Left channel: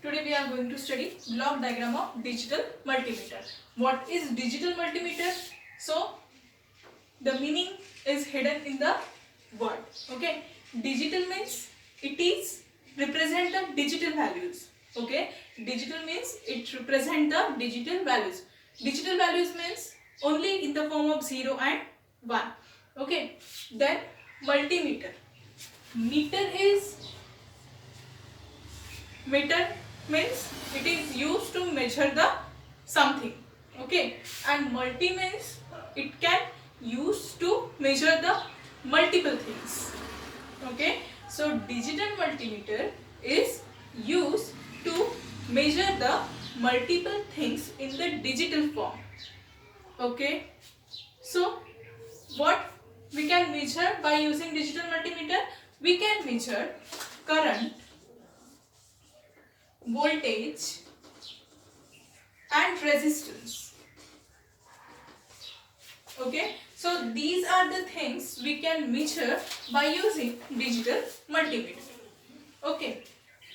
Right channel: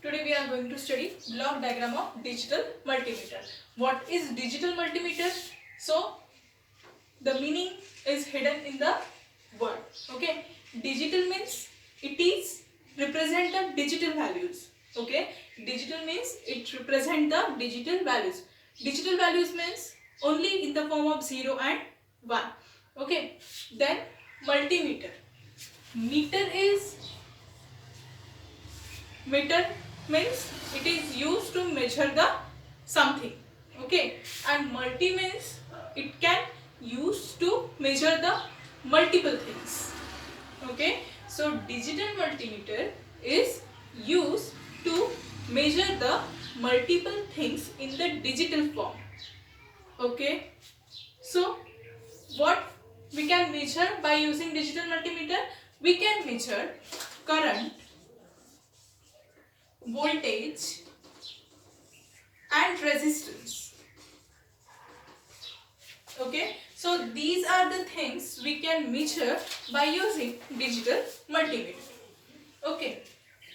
Today we are going to study block diagram of digital multimeter. What is digital multimeter? So the meaning is hidden in the word. Okay, digital means it is represent the digital values. Okay, digital means it represent the digital values. Digital values means only in the form of 0 and 1. Okay, then multimeter. Meter means it is used to measure the something. Okay, and multi means it can use to measure the multiple things. Okay, so digital multimeter is used to measure the multiple things in the digital form. Okay, so what we can measure by using digital multimeter? We can measure current, voltage and resistance. Okay, so these are the things we can measure by using digital multimeter. Okay,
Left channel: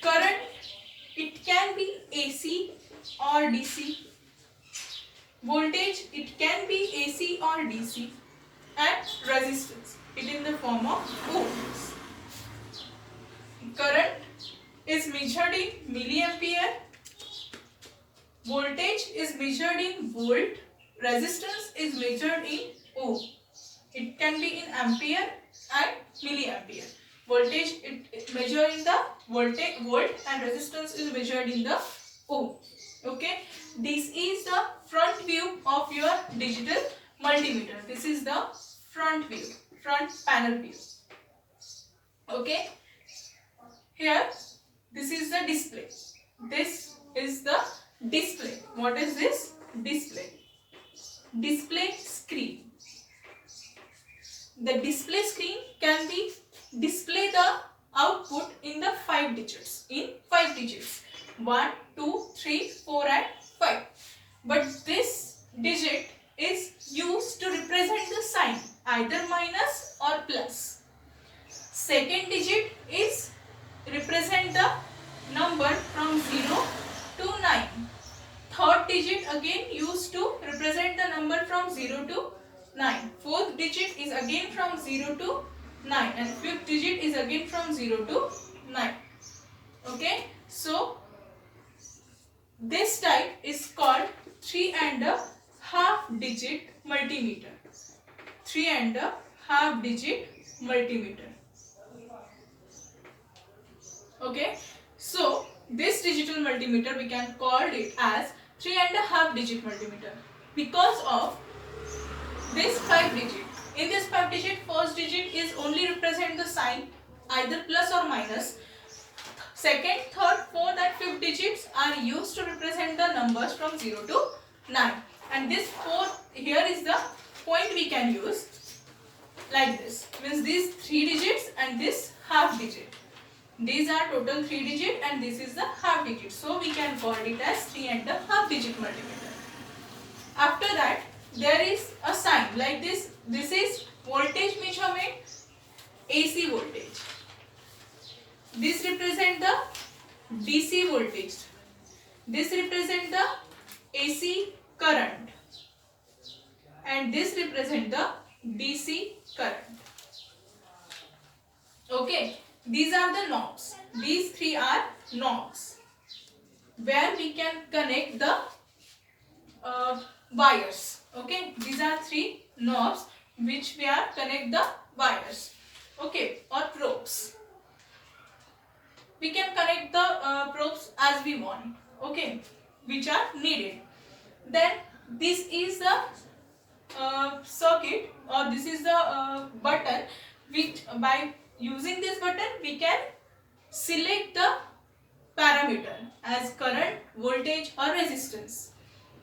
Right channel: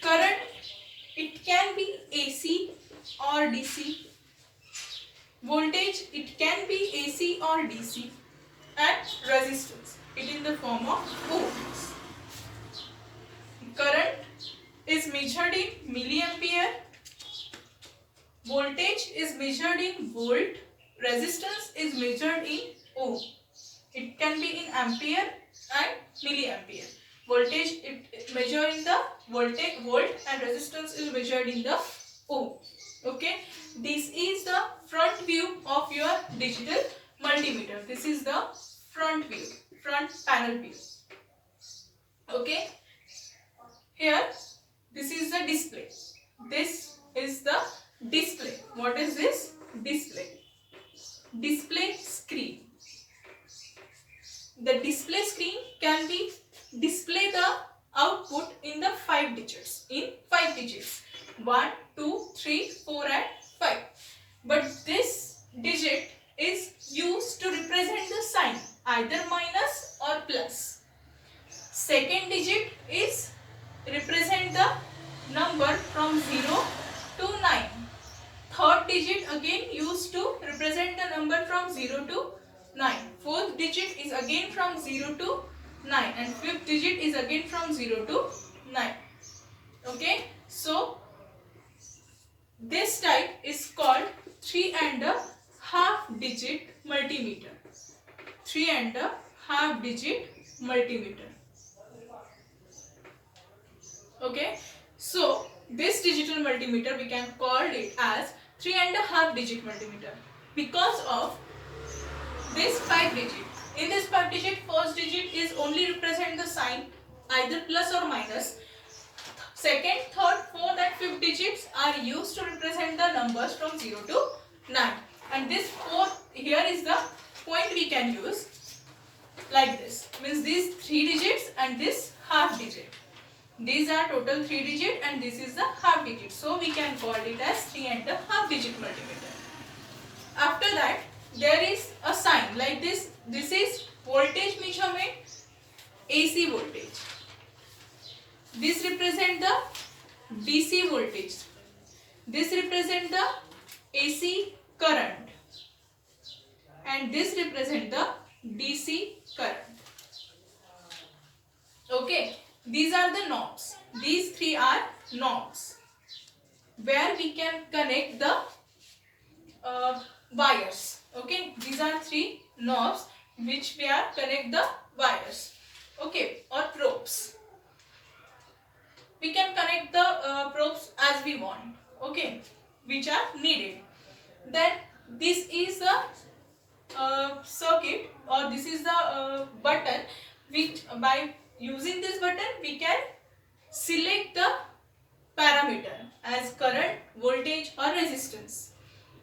current, it can be AC or DC. Voltage, it can be AC or DC. And resistance, it in the form of ohms. Current is measured in milliampere. Voltage is measured in volt. Resistance is measured in ohm. It can be in ampere and milliampere. Voltage it measured in the volt and resistance is measured in the ohm. Okay, this is the front view of your digital multimeter. This is the front view, front panel view. Okay, here this is the display. This is the display. What is this? Display. Display screen. The display screen can be display the output in the 5 digits. In 5 digits. 1, 2, 3, 4 and 5. But this digit is used to represent the sign either minus or plus. Second digit is represent the number from 0 to 9. Third digit again used to represent the number from 0 to 9. Fourth digit is again from 0 to 9 and fifth digit is again from 0 to 9. Okay, so this type is called 3.5 digit multimeter. 3.5 digit multimeter. Okay, so this digital multimeter we can call it as 3.5 digit multimeter because of this 5 digit. In this 5 digit, first digit is only represent the sign either plus or minus. Second, third, fourth and fifth digits are used to represent the numbers from 0 to 9. And this 4 here is the point we can use like this. Means these 3 digits and this half digit. These are total 3 digit and this is the half digit. So we can call it as 3.5 digit multimeter. After that, there is a sign like this. This is voltage measurement, AC voltage. This represent the DC voltage. This represent the AC current. And this represent the DC current. Okay. These are the knobs. These 3 are knobs where we can connect the wires. Okay, these are 3 knobs which we are connect the wires. Okay, or probes. We can connect the probes as we want. Okay, which are needed. Then this is the circuit or this is the button which by using this button we can select the parameter as current, voltage or resistance.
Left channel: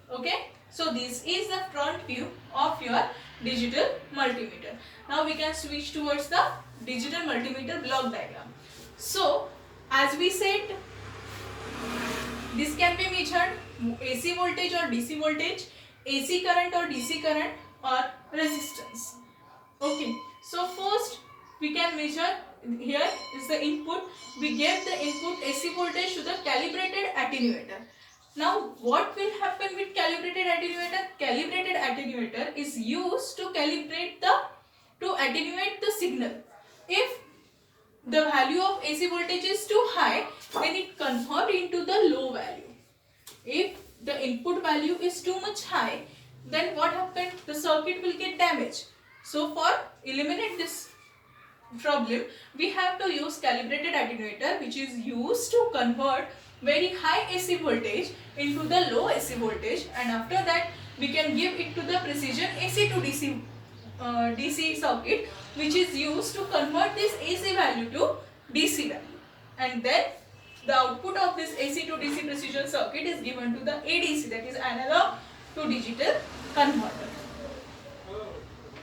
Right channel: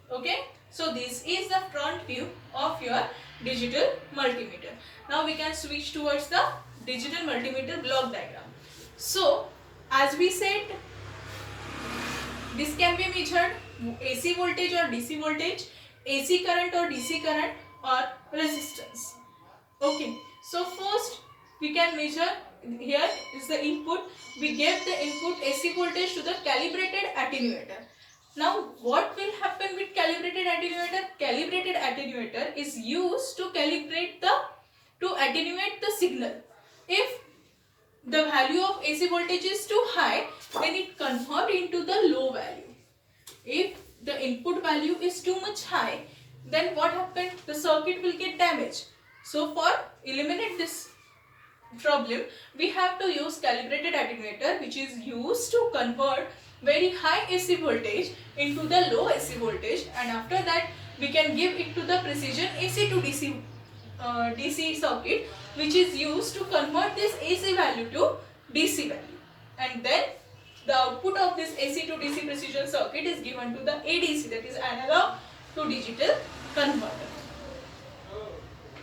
Okay, so this is the front view of your digital multimeter. Now we can switch towards the digital multimeter block diagram. So as we said, this can be measured AC voltage or DC voltage, AC current or DC current or resistance. Okay, so first we can measure here is the input. We gave the input AC voltage to the calibrated attenuator. Now what will happen with calibrated attenuator? Calibrated attenuator is used to attenuate the signal. If the value of AC voltage is too high, then it converts into the low value. If the input value is too much high, then what happens? The circuit will get damaged. So for eliminate this problem, we have to use calibrated attenuator, which is used to convert very high AC voltage into the low AC voltage, and after that we can give it to the precision AC to DC circuit, which is used to convert this AC value to DC value, and then the output of this AC to DC precision circuit is given to the ADC, that is analog to digital converter.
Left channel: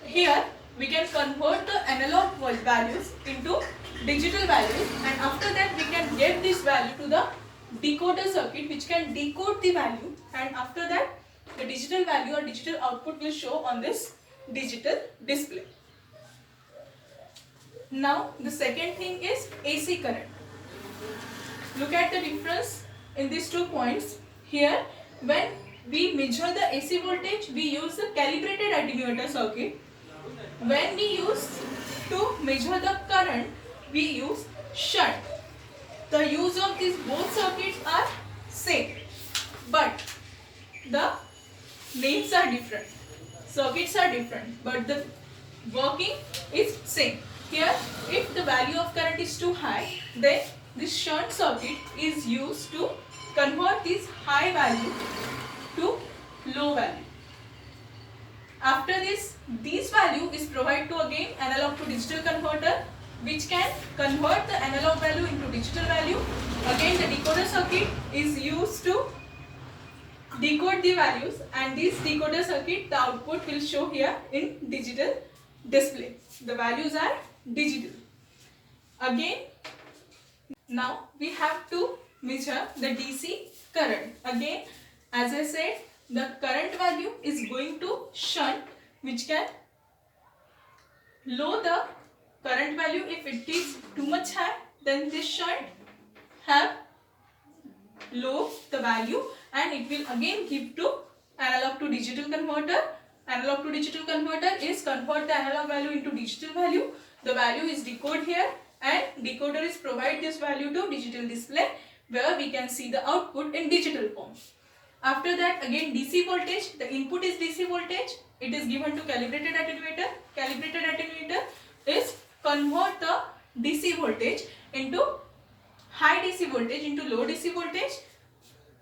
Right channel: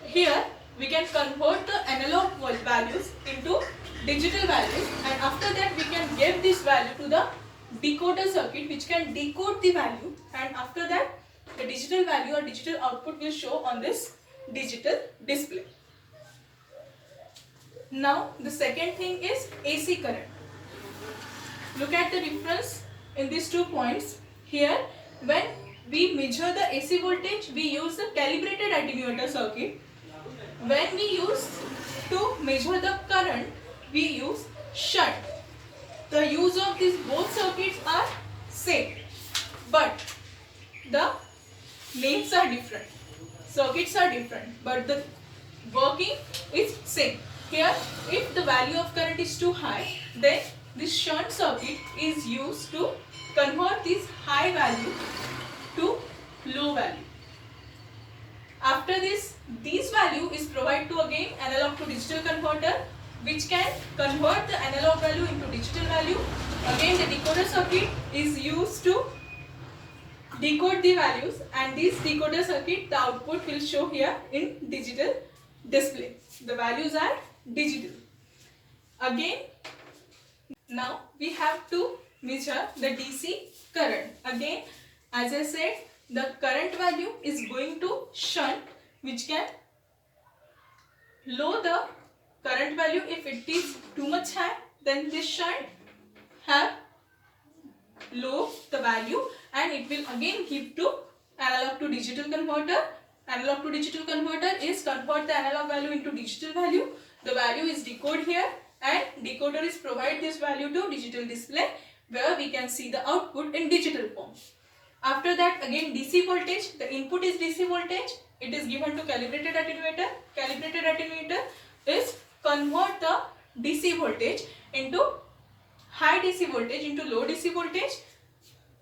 Here we can convert the analog values into digital values, and after that we can give this value to the decoder circuit, which can decode the value, and after that the digital value or digital output will show on this digital display. Now the second thing is AC current. Look at the difference in these 2 points. Here when we measure the AC voltage, we use the calibrated attenuator circuit. When we use to measure the current, we use shunt. The use of these both circuits are same, but the names are different. Circuits are different, but the working is same. Here, if the value of current is too high, then this shunt circuit is used to convert this high value to low value. After this value is provided to again analog to digital converter, which can convert the analog value into digital value. Again the decoder circuit is used to decode the values, and this decoder circuit, the output will show here in digital display. The values are digital. Again, now we have to measure the DC current. Again, as I said, the current value is going to shunt, which can lower the current value. If it is too much high, then this shunt have low the value, and it will again give to analog to digital converter. Analog to digital converter is convert the analog value into digital value. The value is decoded here, and decoder is provide this value to digital display, where we can see the output in digital form. After that, again DC voltage, the input is DC voltage. It is given to calibrated attenuator. Calibrated attenuator is convert the DC voltage into high DC voltage into low DC voltage.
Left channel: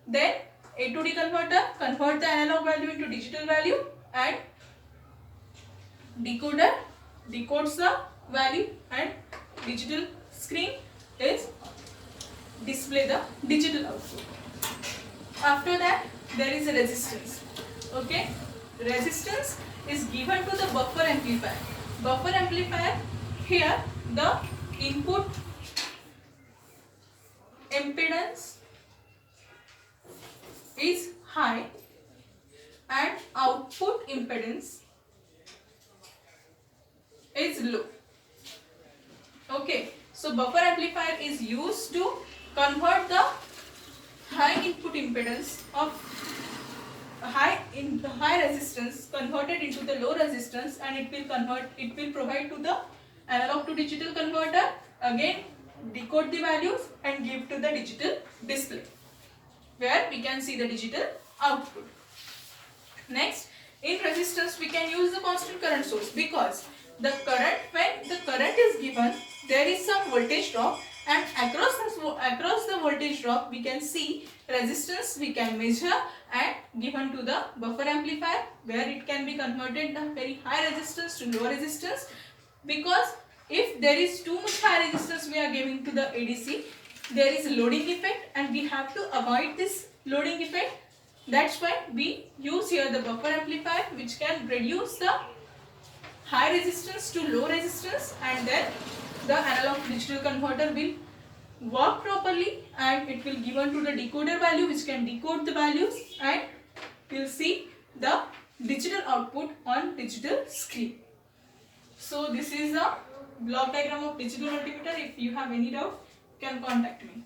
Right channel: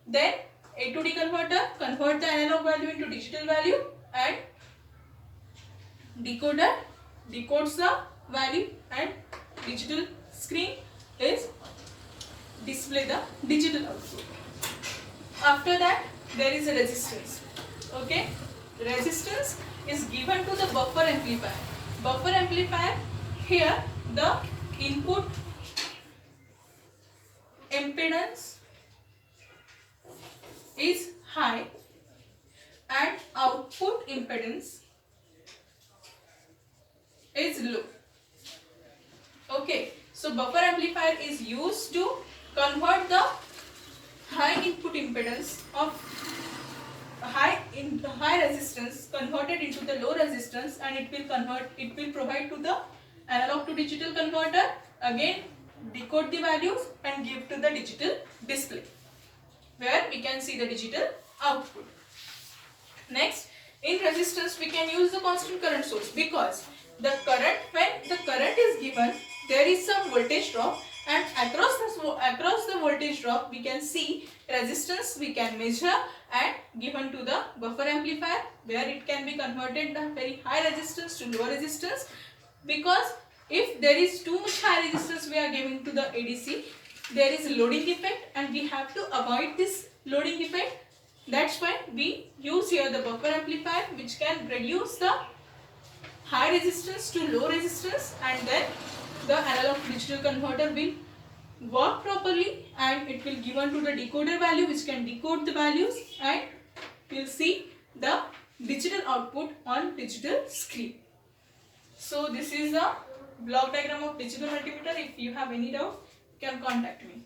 Then A to D converter convert the analog value into digital value, and decoder decodes the value, and digital screen is display the digital output. After that, there is a resistance. Okay, resistance is given to the buffer amplifier. Buffer amplifier, here the input impedance is high and output impedance is low. Okay, so buffer amplifier is used to convert the high input impedance of high resistance converted into the low resistance, and it will provide to the analog to digital converter, again decode the values and give to the digital display, where we can see the digital output. Next, in resistance we can use the constant current source, because the current, when the current is given, there is some voltage drop, and across the voltage drop we can see resistance we can measure and given to the buffer amplifier, where it can be converted the very high resistance to low resistance, because if there is too much high resistance we are giving to the ADC, there is a loading effect, and we have to avoid this loading effect. That's why we use here the buffer amplifier, which can reduce the high resistance to low resistance, and then the analog to digital converter will work properly, and it will given to the decoder value, which can decode the values, and we'll see the digital output on digital screen. So this is a block diagram of digital multimeter. If you have any doubt, you can contact me.